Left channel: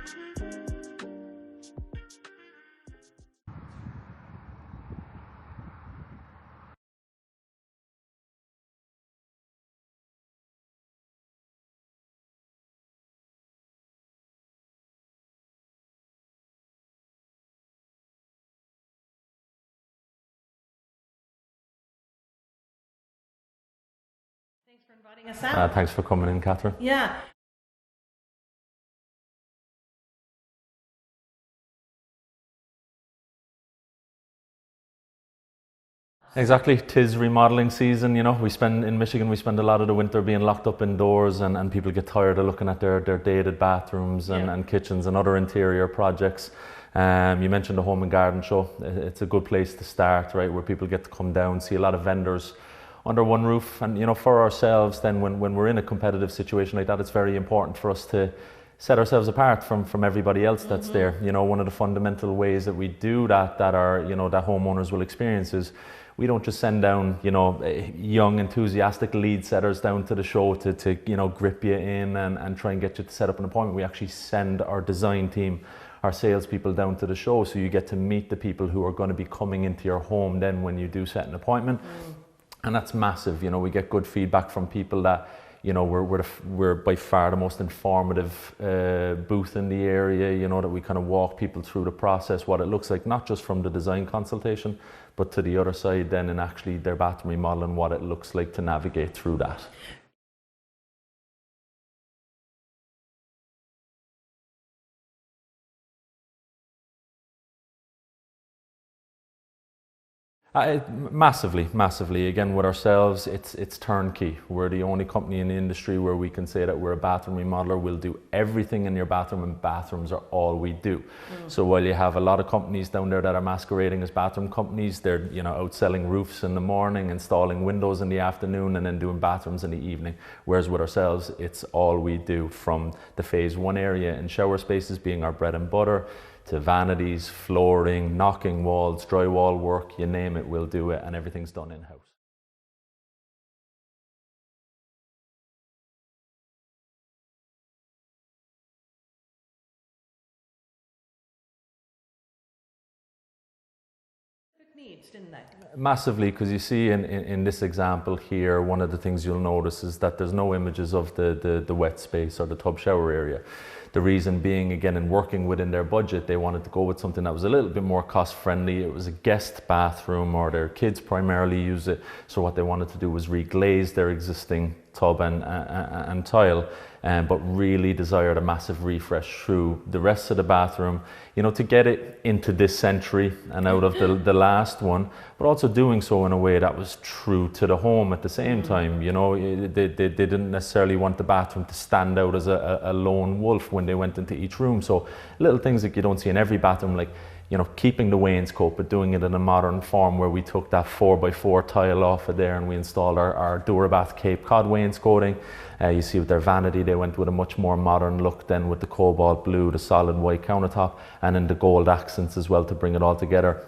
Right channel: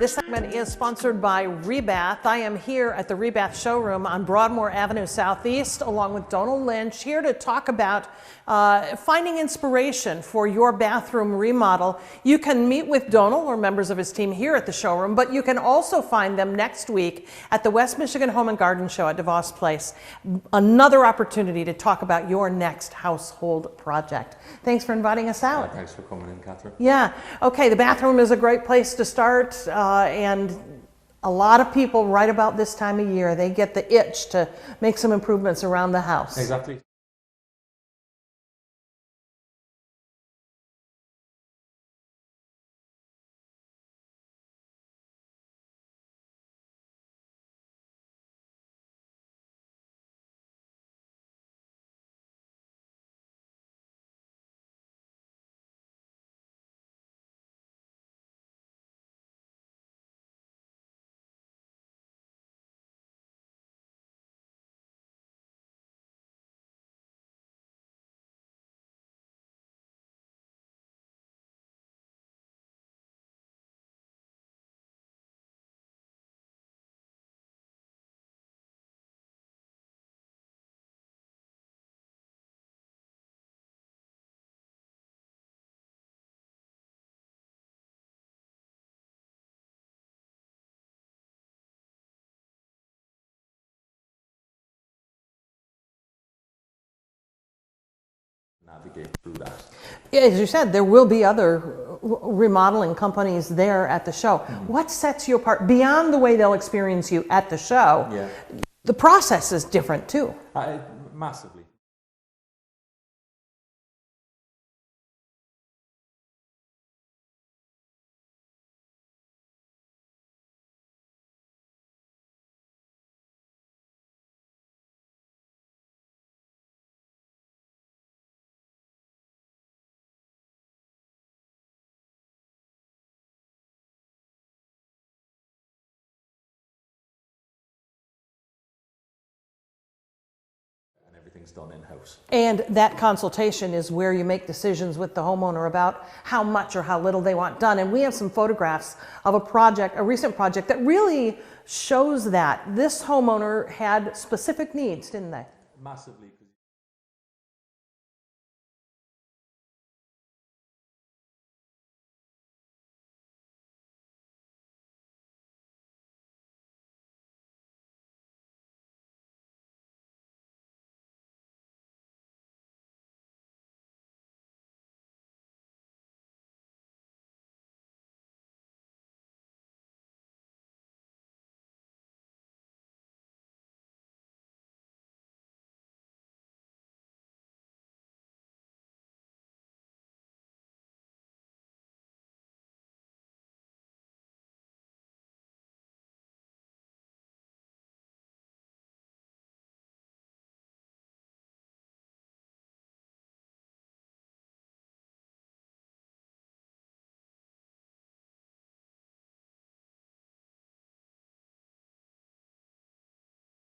This segment is sponsored by Rebath. I am here at the Rebath showroom on Broadmoor Avenue Southeast, along with Donald Lynch, here to talk about finding inspiration for your bathroom remodel. You can meet with Donald or members of his team here at the showroom, but you can also find them next week at the West Michigan Home and Garden Show at DeVos Place. Another opportunity to talk about your next household project. Thanks for inviting us out. Thanks for coming in, Catherine. Yeah, okay, the bathroom is a great place to start, and a lot of people right about this time of year, they get the itch to make some improvements around the house. Exactly, 'tis remodeling season, you know. In Michigan, we spend a lot of the winter being locked up indoors, and people get tired of looking at their dated bathrooms and kitchens and other interior projects. You mentioned the Home and Garden Show. It's a good place to start, right, where people get to come down, see a lot of vendors under one roof. And, you know, for ourselves, then when we're in a competitive situation like that, it's very important for us to set ourselves apart from everybody else that's there. You know, one of the fundamental ways that we do that that homeowners will experience is we don't just send down, you know, young, enthusiastic lead setters down to the show to you know, grip you in and try and get you to set up an appointment. We actually send our design team, our salespeople down to the show, so you get to meet the people who are going to be coming into your home then when you do set an appointment. And that's massive. You know, we get good feedback from people that, you know, we're by far the most informative booth in the area, you know, that we kind of walk people through the process, what it looks like, not just from the design consultation, but to the other side then, and actually their bathroom remodel and what it looks like to navigate through that. Yeah, as you said, there will be other remodeling companies there at the show. What sets you apart beyond the way they'll experience you at the show? Yeah. The process is different too. Massively. Again, with ourselves, it's turnkey. We're the only company in the industry where we can say that we're a bathroom remodeler. We'll do everything in your bathroom, and bathrooms are all we do. So while you have a lot of companies down there that are masquerading as bathroom companies, they're, you know, out selling roofs in the morning, installing windows in the afternoon, and then doing bathrooms in the evening. Whereas with ourselves, it's all we do, from the phase one area and shower spaces being our bread and butter, to vanities, flooring, knocking walls, drywall work, you name it, we'll do it, and everything's done in-house. And that consultation is where you make decisions with the homeowner about how much or how little they want done. And we have some photographs of a recent project that really shows that. This homeowner had specific needs, didn't they? Massively, because you see in this example here, one of the things you'll notice is that there's no images of the wet space or the tub shower area. The reason being, again, in working within their budget, they wanted to go with something that was a little bit more cost friendly. It was a guest bathroom, or their kids primarily use it. So what they wanted to do was reglaze their existing tub and tile, but really desired a massive refresh through the rest of the bathroom, you know, to get it into this century and out of the last one, but also doing so in a way that was true to the home at the same time. You know, they didn't necessarily want the bathroom to stand out as a lone wolf when they went into each room. So little things that you don't see in every bathroom, like, you know, keeping the wainscot, but doing it in a modern form, where we took that 4x4 tile off of there and we installed our Durabath Cape Cod wainscoting. You see with their vanity, they went with a much more modern look then, with the cobalt blue, the solid white countertop, and then the gold accents as well to bring it all together.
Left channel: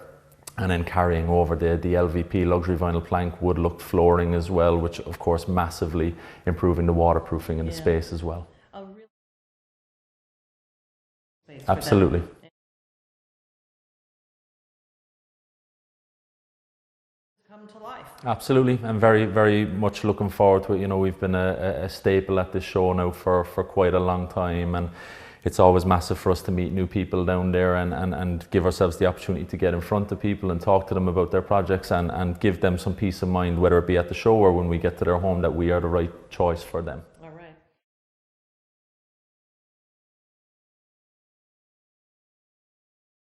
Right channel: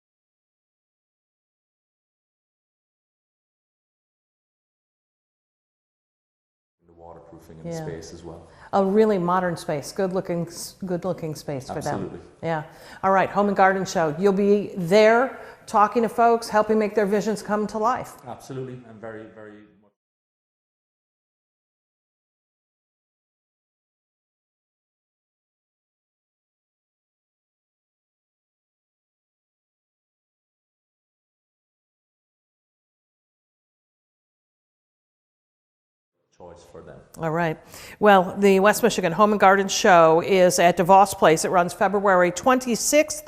And then carrying over the LVP luxury vinyl plank wood look flooring as well, which of course massively improving the waterproofing in the space as well. A really modern space, good looking space. Absolutely. For them. Yeah. All right, Home and Garden Show. You'll be there talking to folks, helping make their visions come to life. Absolutely. I'm very, very much looking forward to it. You know, we've been a staple at this show now for quite a long time, and it's always massive for us to meet new people down there and give ourselves the opportunity to get in front of people and talk to them about their projects and give them some peace of mind, whether it be at the show or when we get to their home, that we are the right choice for them. All right. Well, the West Michigan Home and Garden Show is at DeVos Place. It runs February 26th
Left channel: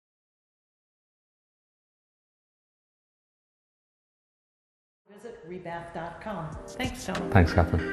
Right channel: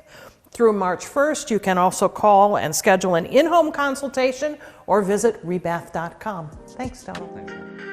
through March 1st. You can also call and schedule an in-home consultation or visit rebath.com. Thanks, Tony. Thanks, Catherine.